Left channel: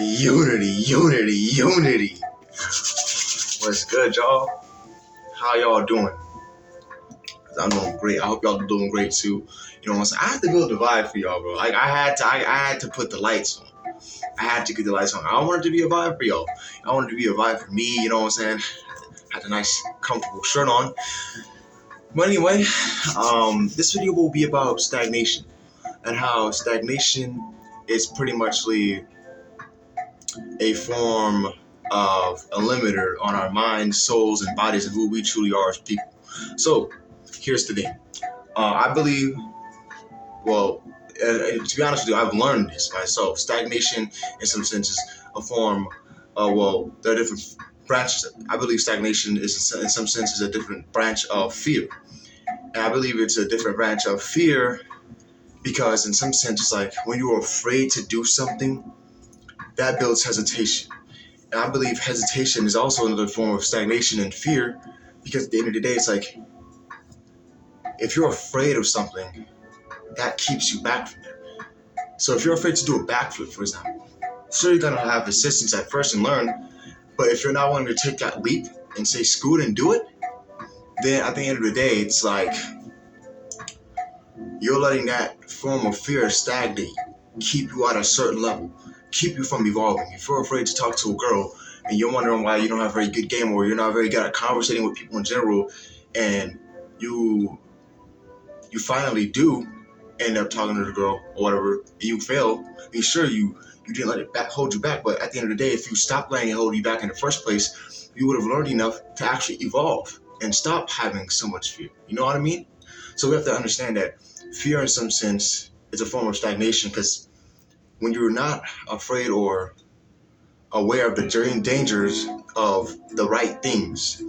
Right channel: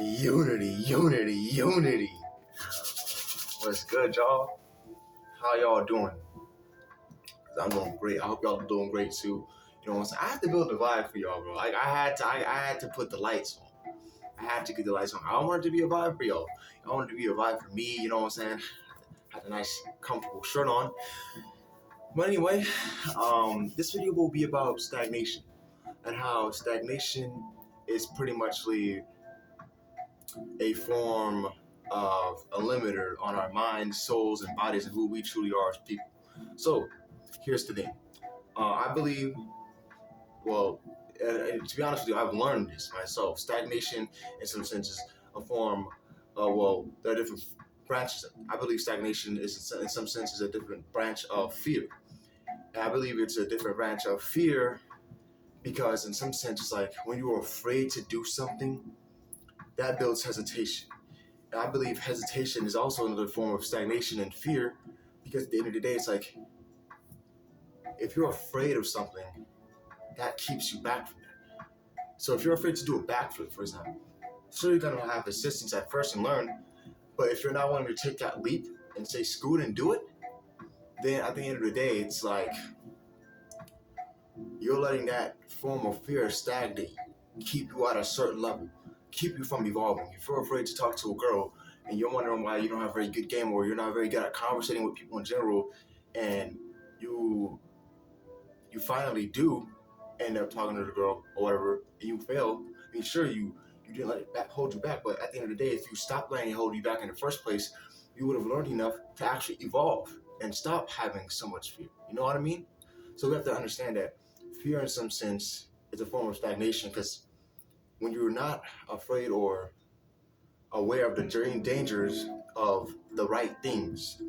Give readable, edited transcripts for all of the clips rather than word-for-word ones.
Unity, unity, unity. What's good, y'all? How y'all doing? I'm doing great. I hope y'all are doing great too. You know what I'm saying? I had to build a vibe for y'all, bro. Like I had to put the lights on. I had to get the lights on. I wanted to be a vibe for y'all. I wanted to be a vibe for me. You know what I'm saying? Had a nice, comfortable shirt on. But anyway, this video will be about stagnation and how stagnation is pretty much a form of a limiter on our minds, souls, and bodies of who we truly are as people. So, here's the thing. I believe, to be honest with you, I've learned this myself. Stagnation, in some senses, a form. There are different branches. I believe stagnation is, in some senses, a different branch of fear. And I believe it's a different branch of fear because, in some sense, it's like when you're afraid to do something, that builds hesitation. And I believe hesitation is also another form of stagnation and fear because at the end of the day, it's like if you're afraid of something, that keeps you back from it. So if you're afraid to do a backflip, for example, sure you're gonna have assistance at first and learn, but if you're not willing to take that leap and say screw it and do it, then at the end of the day, it's like you're letting that form of fear stagnate, keep you at a certain level, keep you from evolving. If you're afraid to talk to a girl and you're wondering why you don't have a very good game or you're not very good at conversating with people in general, and you finally do end up talking to the girl or whatever, and you fail, and sure you didn't let it hold you back, but at the end of the day, if you stopped letting it hold you back in the first place, you would have learned enough to actually evolve and stop having so much fear. You know what I mean? So we have to understand that fear, in some sense, is a form of stagnation because when you're not afraid or aware of the dangers of the right things,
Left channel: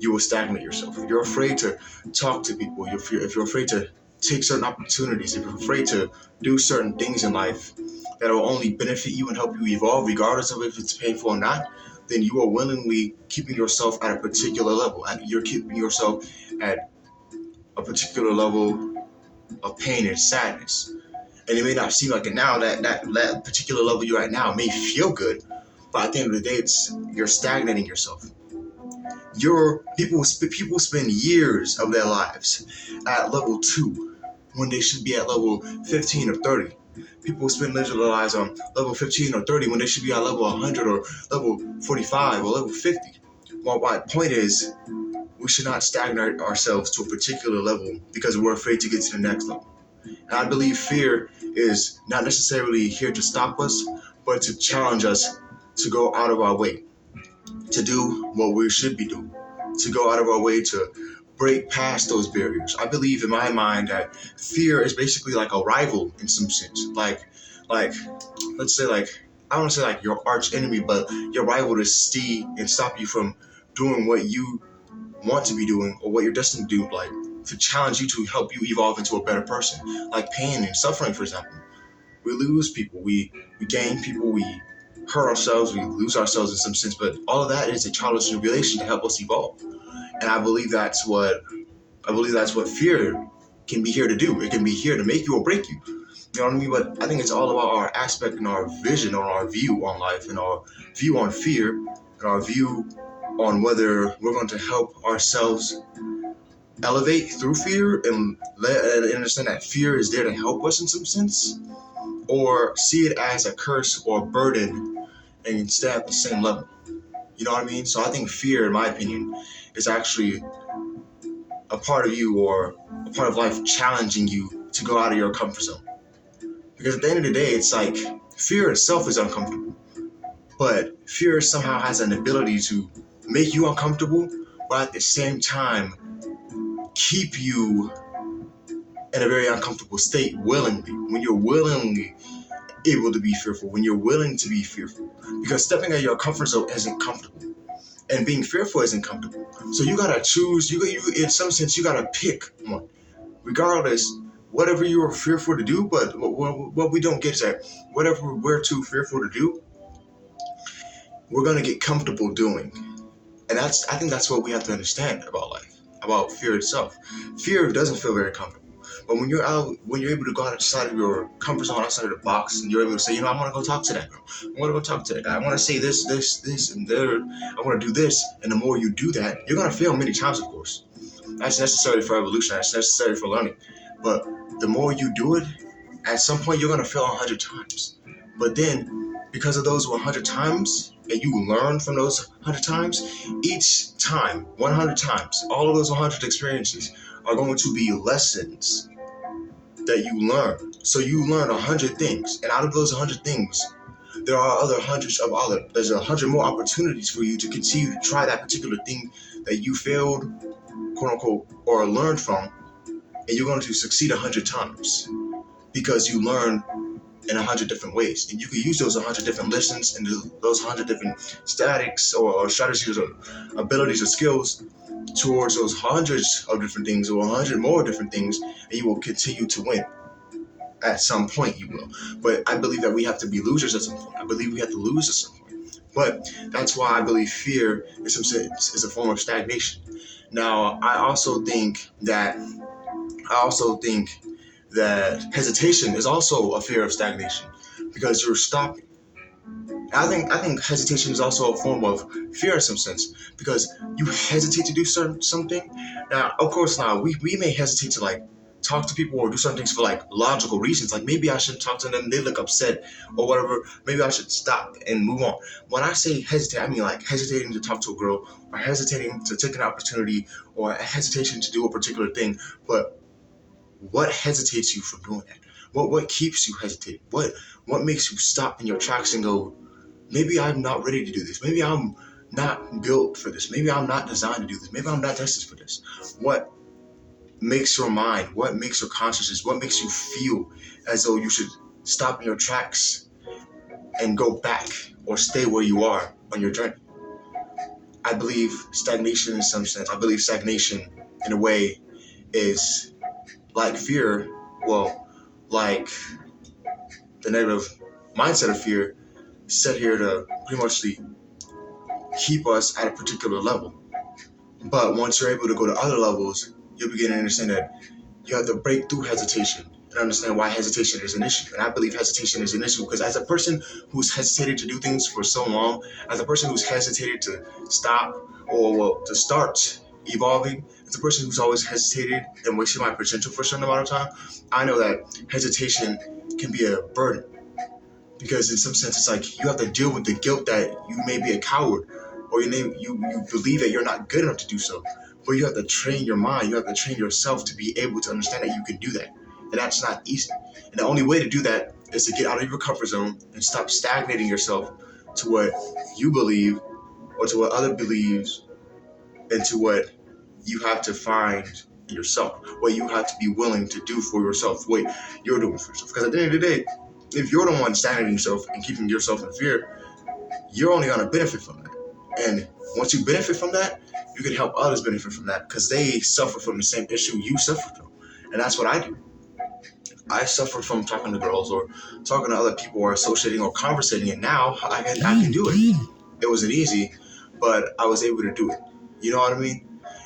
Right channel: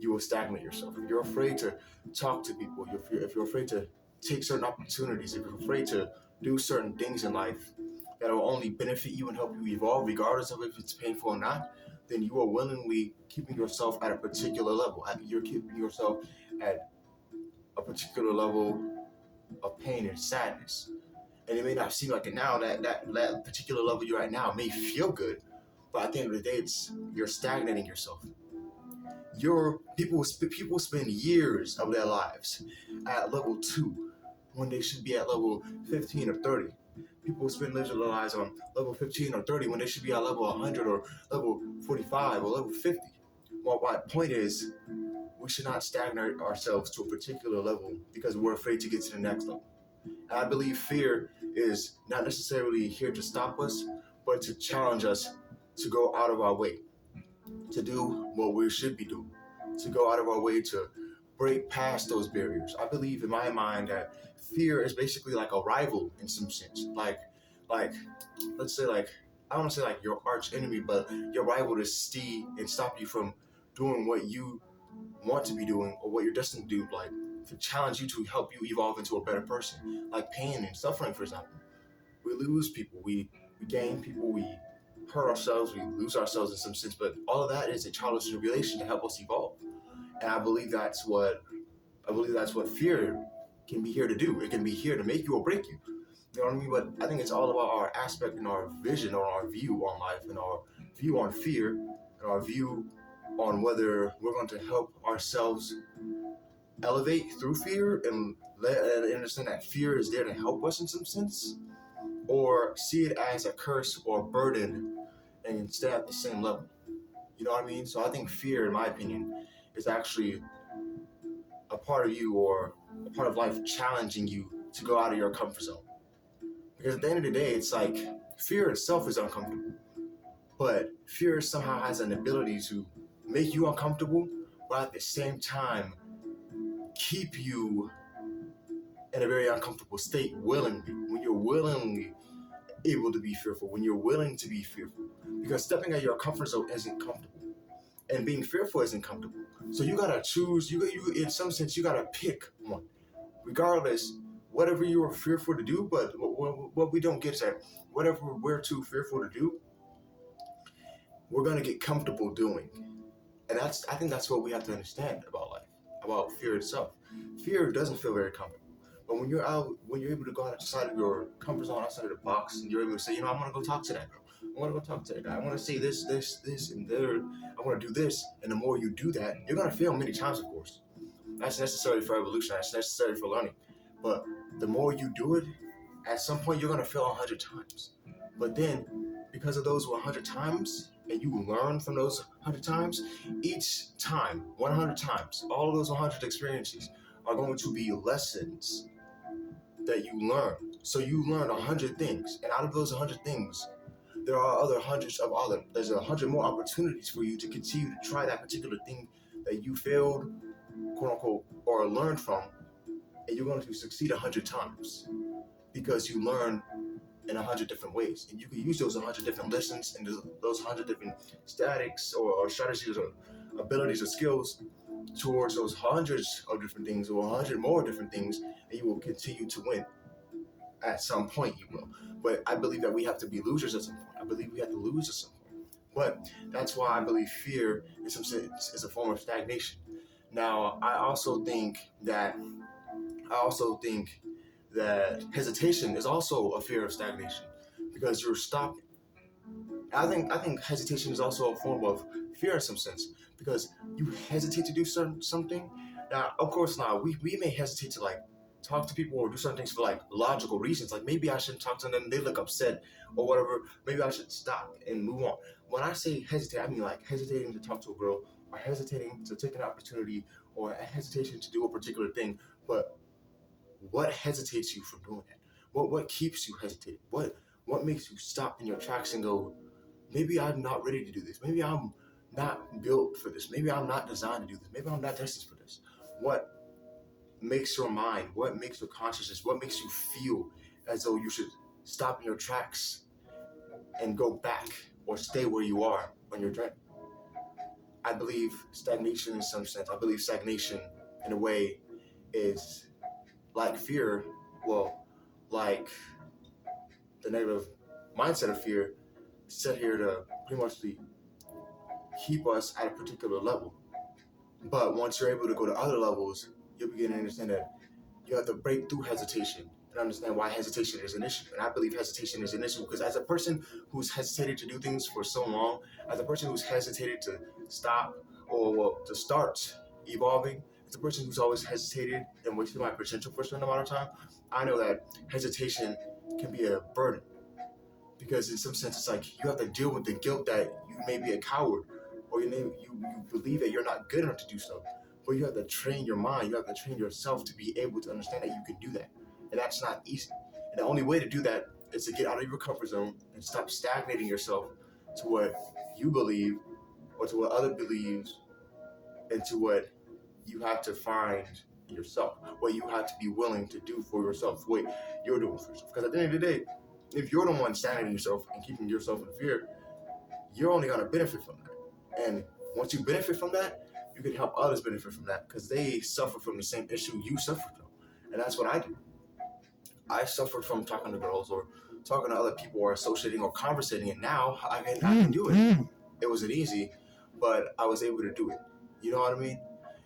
you will stagnate yourself. If you're afraid to talk to people, if you're afraid to take certain opportunities, if you're afraid to do certain things in life that will only benefit you and help you evolve, regardless of if it's painful or not, then you are willingly keeping yourself at a particular level. You're keeping yourself at a particular level of pain and sadness. And it may not seem like it now, that particular level you're at now may feel good, but at the end of the day, you're stagnating yourself. People spend years of their lives at level 2 when they should be at level 15 or 30. People spend their lives on level 15 or 30 when they should be at level 100 or level 45 or level 50. Well, my point is, we should not stagnate ourselves to a particular level because we're afraid to get to the next level. And I believe fear is not necessarily here to stop us, but to challenge us to go out of our way, to do what we should be doing, to go out of our way to break past those barriers. I believe in my mind that fear is basically like a rival in some sense. Like let's say I don't want to say like your arch enemy, but your rival to see and stop you from doing what you want to be doing or what you're destined to do, like to challenge you to help you evolve into a better person. Like pain and suffering, for example. We lose people, we gain people, we hurt ourselves, we lose ourselves in some sense, but all of that is a trial and tribulation to help us evolve. And I believe that's what fear can be here to do. It can be here to make you or break you. You know what I mean? But I think it's all about our aspect and our vision on our view on life and our view on fear and our view on whether we're going to help ourselves elevate through fear and understand that fear is there to help us in some sense, or see it as a curse or a burden and stay at the same level. You know what I mean? So I think fear, in my opinion, is actually a part of you or a part of life challenging you to go out of your comfort zone. Because at the end of the day, it's like fear itself is uncomfortable, but fear somehow has an ability to make you uncomfortable, but at the same time, keep you in a very uncomfortable state willingly. When you're willingly able to be fearful, when you're willing to be fearful, because stepping out of your comfort zone isn't comfortable, and being fearful isn't comfortable. So you gotta choose. You in some sense, you gotta pick one, regardless. Whatever you are fearful to do, but what we don't get is that whatever we're too fearful to do, we're gonna get comfortable doing, and I think that's what we have to understand about life, about fear itself. Fear doesn't feel very comfortable. But when you're able to go outside of your comfort zone, outside of the box, and you're able to say, I want to go talk to that girl. I want to go talk to that guy. I want to say this, and there. I want to do this. And the more you do that, you're gonna fail many times, of course. That's necessary for evolution. That's necessary for learning. But the more you do it, at some point you're gonna fail 100 times. But then, because of those 100 times, and you learn from those 100 times, each time, 100 times, all of those 100 experiences are going to be lessons that you learn. So you learn 100 things, and out of those 100 things, there are other hundreds of there's 100 more opportunities for you to continue to try that particular thing that you failed, quote unquote, or learned from, and you're going to succeed 100 times because you learn in 100 different ways, and you can use those 100 different lessons and those 100 different statics or strategies or abilities or skills towards those hundreds of different things or 100 more different things, and you will continue to win. At some point you will. But I believe that we have to be losers at some point. I believe we have to lose at some point. But that's why I believe fear, in some sense, is a form of stagnation. Now, I also think that hesitation is also a fear of stagnation because you're stopping. I think hesitation is also a form of fear in some sense because you hesitate to do something. Now, of course, now we may hesitate to like talk to people or do some things for like logical reasons. Like maybe I shouldn't talk to them; they look upset or whatever. Maybe I should stop and move on. When I say hesitate, I mean like hesitating to talk to a girl or hesitating to take an opportunity or hesitation to do a particular thing. But what hesitates you from doing that? What keeps you hesitating? What makes you stop in your tracks and go, maybe I'm not ready to do this. Maybe I'm not built for this. Maybe I'm not designed to do this. Maybe I'm not destined for this. What makes your mind, what makes your consciousness, what makes you feel as though you should stop in your tracks and go back or stay where you are on your journey? I believe stagnation in some sense. I believe stagnation in a way is like fear, well, like the negative mindset of fear set here to pretty much keep us at a particular level. But once you're able to go to other levels, you'll begin to understand that you have to break through hesitation and understand why hesitation is an issue. And I believe hesitation is an issue because as a person who's hesitated to do things for so long, as a person who's hesitated to stop or to start evolving, as a person who's always hesitated and wasted my potential for a certain amount of time, I know that hesitation can be a burden. Because in some sense, it's like you have to deal with the guilt that you may be a coward or you believe that you're not good enough to do so. But you have to train your mind, you have to train yourself to be able to understand that you can do that. And that's not easy. And the only way to do that is to get out of your comfort zone and stop stagnating yourself to what you believe or to what other believes and to what you have to find yourself, what you have to be willing to do for yourself, what you're doing for yourself. Because at the end of the day, if you're the one stagnating yourself and keeping yourself in fear, you're only going to benefit from that. And once you benefit from that, you can help others benefit from that because they suffer from the same issue you suffer from. And that's what I do. I suffered from talking to girls or talking to other people or associating or conversating, and now I can do it. It wasn't easy, but I was able to do it. You know what I mean?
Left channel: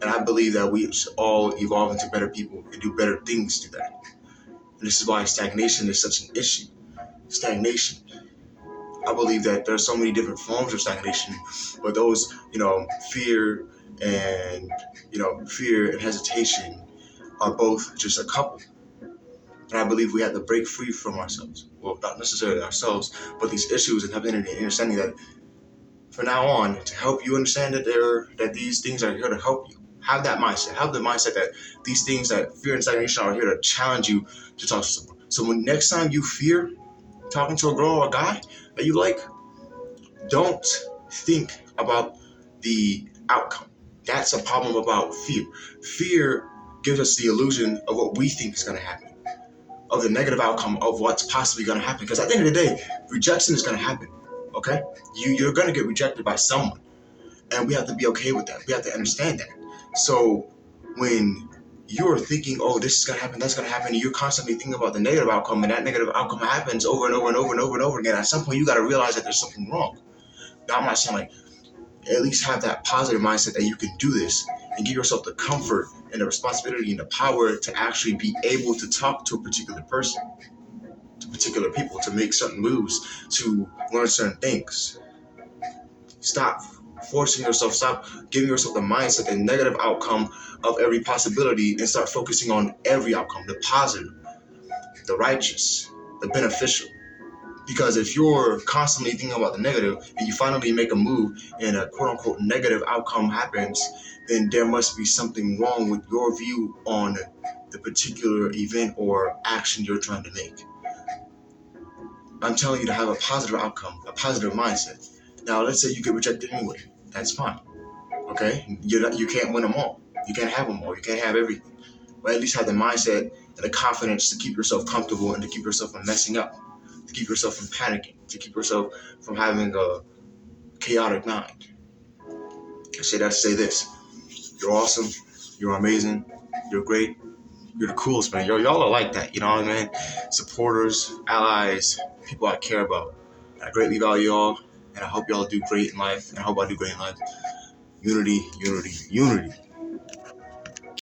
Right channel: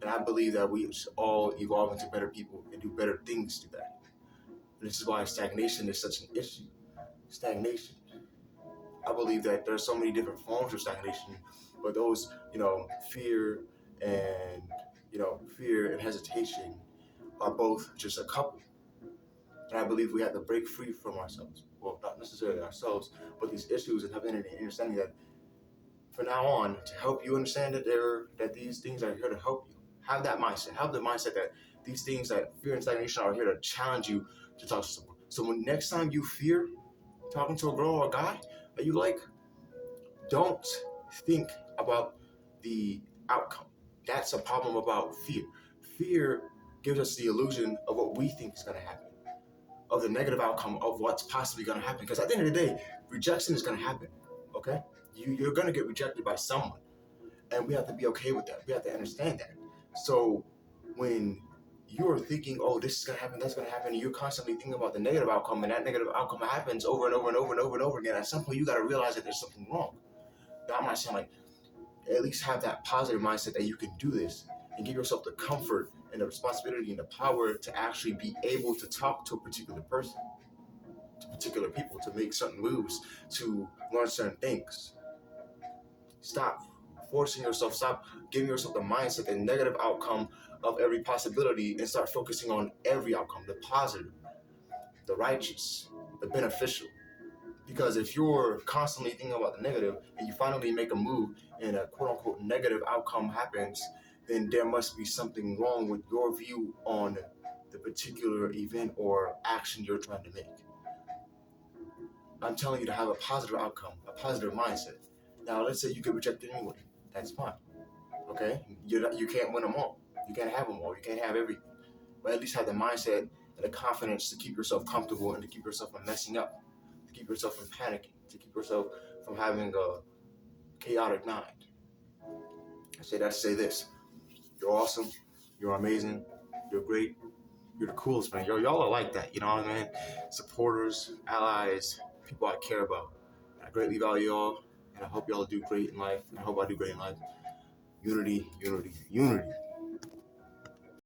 And I believe that we should all evolve into better people and do better things through that. And this is why stagnation is such an issue. Stagnation. I believe that there's so many different forms of stagnation, but those, fear and hesitation are both just a couple. And I believe we have to break free from ourselves. Well, not necessarily ourselves, but these issues and having an understanding that from now on, to help you understand that these things are here to help you. Have that mindset. Have the mindset that these things that fear and stagnation are here to challenge you to talk to someone. So when next time you fear talking to a girl or a guy that you like, don't think about the outcome. That's a problem about fear. Fear gives us the illusion of what we think is going to happen, of the negative outcome of what's possibly going to happen. Because at the end of the day, rejection is going to happen. Okay? You're going to get rejected by someone. And we have to be okay with that. We have to understand that. So when you're thinking, oh, this is going to happen, that's going to happen, and you're constantly thinking about the negative outcome, and that negative outcome happens over and over and over and over and over again, at some point you got to realize that there's something wrong. Now, I'm not saying like, at least have that positive mindset that you can do this and give yourself the comfort and the responsibility and the power to actually be able to talk to a particular person, to particular people, to make certain moves, to learn certain things. Stop forcing yourself, stop giving yourself the mindset, the negative outcome of every possibility, and start focusing on every outcome, the positive, the righteous, the beneficial. Because if you're constantly thinking about the negative and you finally make a move and a quote unquote negative outcome happens, then there must be something wrong with your view on the particular event or action you're trying to make. I'm telling you to have a positive outcome, a positive mindset. Now, let's say you get rejected anyway. That's fine. Okay? You can't win them all. You can't have them all. You can't have everything. But at least have the mindset and the confidence to keep yourself comfortable and to keep yourself from messing up, to keep yourself from panicking, to keep yourself from having a chaotic mind. I say that to say this. You're awesome. You're amazing. You're great. You're the coolest, man. Y'all are like that. You know what I mean? Supporters, allies, people I care about. I greatly value y'all, and I hope y'all do great in life, and I hope I do great in life. Unity, unity, unity.